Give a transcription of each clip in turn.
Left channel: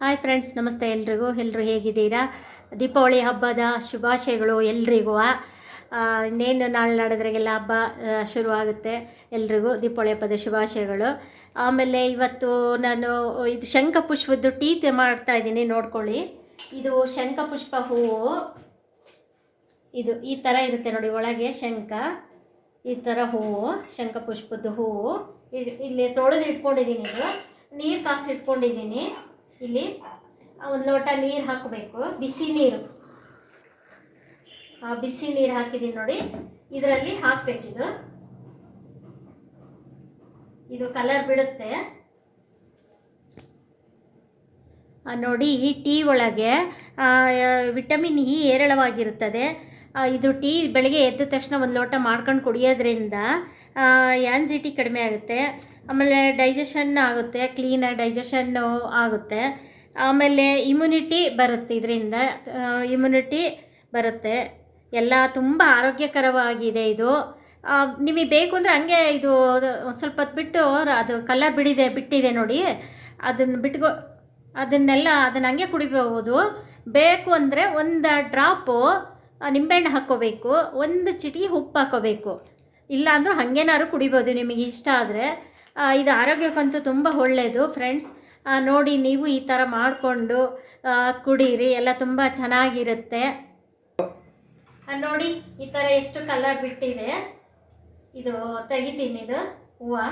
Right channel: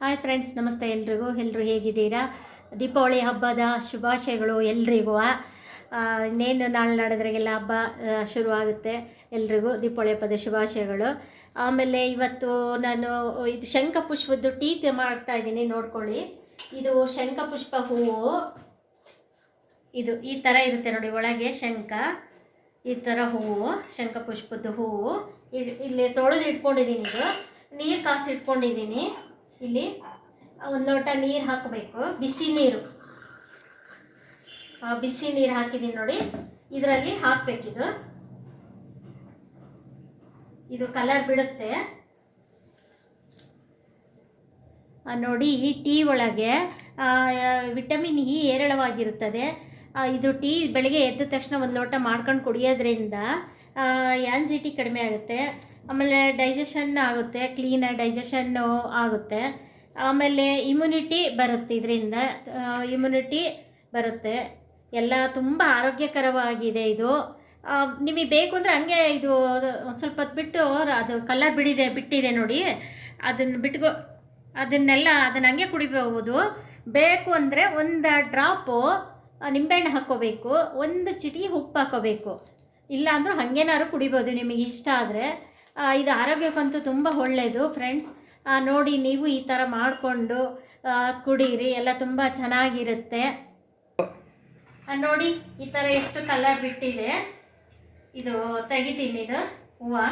Hi friends ನಮಸ್ತೆ ಎಲ್ರಿಗೂ. ಎಲ್ಲರೂ ಹೇಗಿದ್ದೀರಾ? ದೀಪಾವಳಿ ಹಬ್ಬದ ಶುಭಾಶಯಗಳು ಎಲ್ರಿಗೂ. ಇನ್ನೇನು ನಾಳೆ ನಡೆದ್ರಿಗೆಲ್ಲ ಹಬ್ಬ ಶುರುವಾಗುತ್ತೆ ಎಲ್ರಿಗೂ ದೀಪಾವಳಿ ಹಬ್ಬದ ಶುಭಾಶಯಗಳು. ಆಮೇಲೆ ಇವತ್ತು ನಾನು, ಇದು ಶಂಖಪುಷ್ಪದ್ದು ಟೀ ತೆ ಮಾಡ್ತಾ ಇದ್ದೀನಿ, ನೋಡ್ಕೊಳ್ಳಿ. ಇದು ಶಂಖಪುಷ್ಪ ಹೂವು ಇದು ಈ ಥರ ಇರುತ್ತೆ ನೋಡಿ, ಒಳಗೆ ಶಂಖ, ಈ ಥರ ಹೂವು ಶಂಖಪುಷ್ಪದ ಹೂವು ಇಲ್- ಇಲ್ಲಿ ತೊಳೆದು ಇಟ್ಕೊಂಡಿದ್ದೀನಿ ಇದು. ನೀರು ಕಾಸಿ ಇಟ್ಕೊಂಡಿದ್ದೀನಿ ಇಲ್ಲಿ ಒಂದು ಲೋಟ ನೀರು ಹಾಕಬೇಕು, ಬಿಸಿ ನೀರು. ಬಿಸಿ ನೀರು ಹಾಕಿದ್ದೀನಿ ನೋಡಿ, ಇದರಲ್ಲಿ ಹಾಕಬೇಕಿದು. ಇದು ಕಲರ್ ಬಿಡುತ್ತೆ. ನೋಡಿ, ಈ ಟೀ ಒಳಗೆ ವಿಟಮಿನ್ ಇ ಹೇರಳವಾಗಿರುತ್ತದೆ. ಇದು ಟೀ ಬೆಳಗ್ಗೆ ಎದ್ದ ತಕ್ಷಣ ಒಂದು ಲೋಟ ಮಾಡ್ಕೊಂಡು ಕುಡಿಯೋದ್ರಿಂದ ಆ್ಯನ್ಸಿಟಿ ಕಡಿಮೆ ಆಗುತ್ತೆ. ಆಮೇಲೆ ಡೈಜೆಷನ್ ಆಗುತ್ತೆ ಕ್ಲೀನಾಗಿ ಡೈಜೆಷನ್ನು ಆಗುತ್ತೆ. ಆಮೇಲೆ ಇಮ್ಯುನಿಟಿ ಬರುತ್ತೆ ಇದರಿಂದ. ಇಮ್ಯುನಿಟಿ ಬರುತ್ತೆ. ಎಲ್ಲ ತುಂಬ ಆರೋಗ್ಯಕರವಾಗಿದೆ ಇದು. ನಿಮಗೆ ಬೇಕು ಅಂದರೆ ಹಂಗೆ ಇದು, ಸ್ವಲ್ಪ ಹೊತ್ತು ಬಿಟ್ಟು ಅದು ಕಲರ್ ಬಿಡಿದೆ, ಬಿಟ್ಟಿದೆ ನೋಡಿ. ಅದನ್ನು ಬಿಟ್ಕೊ, ಅದನ್ನೆಲ್ಲ, ಅದನ್ನು ಹಂಗೆ ಕುಡಿಬಹುದು. ಬೇಕು ಅಂದರೆ ಒಂದು ಡ್ರಾಪು ನಿಂಬೆಹಣ್ಣು ಹಾಕ್ಕೋಬೇಕು. ಒಂದು ಚಿಟಿ ಉಪ್ಪು ಹಾಕ್ಕೋಬೇಕು. ಇಲ್ಲ ಅಂದರೂ ಹಾಗೇನಾದ್ರು ಕುಡಿಬೋದು, ನಿಮಗೆ ಇಷ್ಟ ಆದರೆ. ಇದು ಆರೋಗ್ಯಕ್ಕಂತೂ ತುಂಬ ಒಳ್ಳೆಯದು ಫ್ರೆಂಡ್ಸ್. ನೋಡಿ ನೀವು ಈ ಥರ ಮಾಡಿಕೊಂಡು ಕುಡೀರಿ, ಎಲ್ಲ ತುಂಬ ಚೆನ್ನಾಗಿರುತ್ತೆ. ನೋಡಿ, ಈ ಥರ ಎಷ್ಟು ಕಲರ್ ಬಿಟ್ಟಿದೆ. ಇದು ತೆಗಿತೀನಿ ಇದು, ಹೂವು.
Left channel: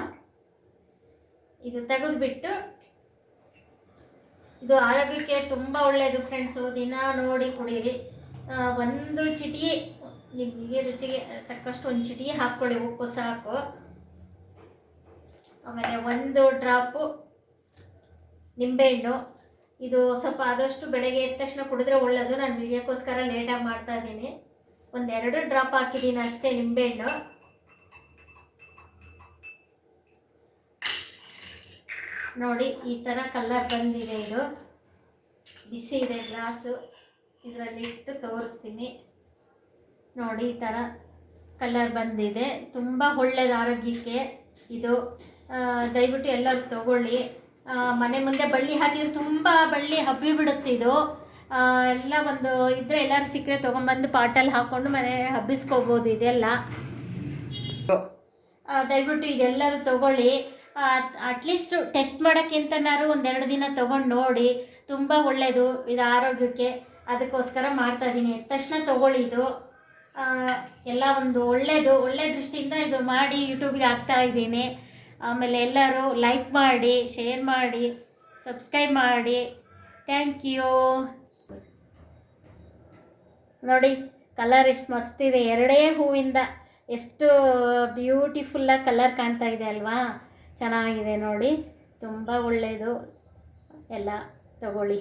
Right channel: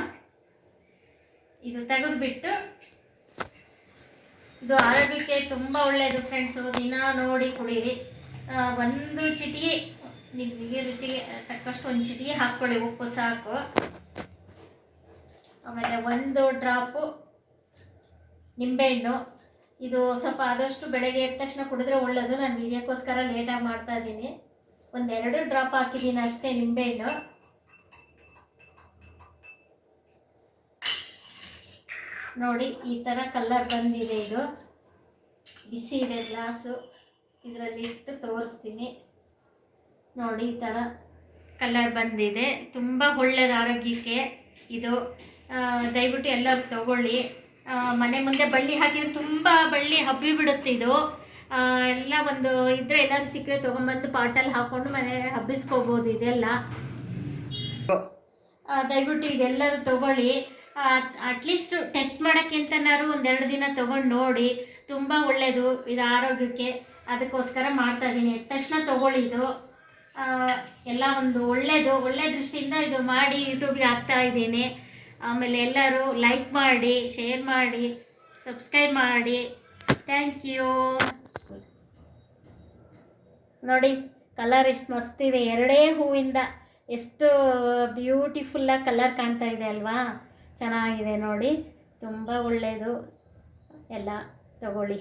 ಇದು ತೆಗೆದುಬಿಟ್ಟು, ಇದು ಆರೋಗ್ಯಕ್ಕೆ ತುಂಬ ಒಳ್ಳೆಯದು ಫ್ರೆಂಡ್ಸು. ದಿನ ನೋಡಿ ಕುಡೀರಿ. ಒಂದು ಚಿಟಿಗೆ ನಿಮಗೆ ರುಚಿಗೆ, ತಕ್ಕಷ್ಟು ಒಂದು ಚಿಟಿಗೆ ಹಾಕ್ಕೊಳ್ಳಿ, ಉಪ್ಪು ಸಾಕು. ಆಮೇಲೆ ಒಂದು ಡ್ರಾಪು ನಿಂಬೆಹಣ್ಣು. ಇದು ಸ್ವಲ್ಪ ಆದಷ್ಟು ಬೆಳಗ್ಗೆ ಎದ್ದ ತಕ್ಷಣ ಕುಡಿದ್ರೆ ಒಳ್ಳೆಯದು ನಾನು ವಿಡಿಯೋಕ್ಕೋಸ್ಕರ ಲೇಟಾಗಿ ಮಾಡ್ತಾ ಇದ್ದೀನಿ. ಒಂದೆರಡು ಡ್ರಾಪ್ ಹಾಕಿದ್ದೀನಿ ಅಷ್ಟೇ ನಿಂಬೆಹಣ್ಣು. ನೋಡಿ, ಈ ಥರ ಕಲರ್ ಬಂದಿದೆ ಇದು. ಬಿಸಿ ಇದೆ ಗ್ಲಾಸು. ಇದರಲ್ಲಿ ಇಟ್ಟು ತೋರಿಸ್ತೀನಿ. ನೋಡಿ, ಈ ಥರ ಕಲರ್ ಬಂದಿದೆ. ತುಂಬ ಒಳ್ಳೆಯದು ಆರೋಗ್ಯಕ್ಕೆ ಇದು. ದಯವಿಟ್ಟು ಎಲ್ಲರೂ ತಗೊಳ್ಳಿ. ಮನೆ ಮುಂದೆ ಬಳ್ಳಿ ಹಾಕಿದ್ರೆ ತುಂಬ ಬಳ್ಳಿ ಹಬ್ಬಿ ಬಿಡುತ್ತೆ ಇದು. ಎಲ್ಲ ಒಂದು ಇದ್ರೆ ಎಲ್ಲರೂ ಸಿಕ್ಕರೆ ತೊಗೊಂಬಂದು ಪಾಟಲ್ಲಿ ಹಾಕ್ಕೊಂಡು ಮನೆ ಹಬ್ಬಿಸ್ಕೋಬೋದು ಇದೆಲ್ಲ. ದಯವಿಟ್ಟು ಇದೆಲ್ಲರೂ ತಗೊಳ್ಳಿ. ಅಟ್ಲೀಸ್ಟ್ ಟೆಸ್ಟ್ ಮಾಡೋಕ್ಕಿಂತನಾದ್ರು ಒಂದೆರಡು ದಿನ ತೊಗೊಂಡು ನೋಡಿ. ತುಂಬ ಒಳ್ಳೆಯದು ಇದು ಆರೋಗ್ಯಕ್ಕೆ. ಅದಕ್ಕೋಸ್ಕರ ಮಾಡ್ತಾ ಇದ್ದೀನಿ ಎದ್ದ ತಕ್ಷಣ ತಗೊಳ್ಳಿ ಇದು. ಎಲ್ಲ ಒಂದು ಒಳ್ಳೆಯದು ಒಳ್ಳೆಯ ದೃಷ್ಟಿಯಿಂದ ಇದು ಮಾಡಿ ಯೂಟ್ಯೂಬ್ಗೆ ಹಾಕ್ತಾ ಇದ್ದೀನಿ. ಆಮೇಲೆ ಎಲ್ಲರೂ ಲೈಕ್ ಮಾಡಿ ಶೇರ್ ಮಾಡಿ ಸಬ್ಸ್ಕ್ರೈಬ್ ಮಾಡಿ. ಥ್ಯಾಂಕ್ ಯು ನೋಡಿ ಕಲರ್ ಎಷ್ಟು ಮಸ್ತಿದೆ ಎರಡೇ ಹೂವಿಂದ ಎಷ್ಟು ಬ್ಯೂಟಿಫುಲ್ಲಾಗಿ ಕಲರ್ ಕಾಣ್ತಾ ಇದೆ ಅಲ್ವಾ? ಚೆನ್ನಾಗಿದೆ ನೋಡಿ. ತುಂಬ ಒಳ್ಳೆಯದು ಎಲ್ಲ ತಗೊಳ್ಳಿ.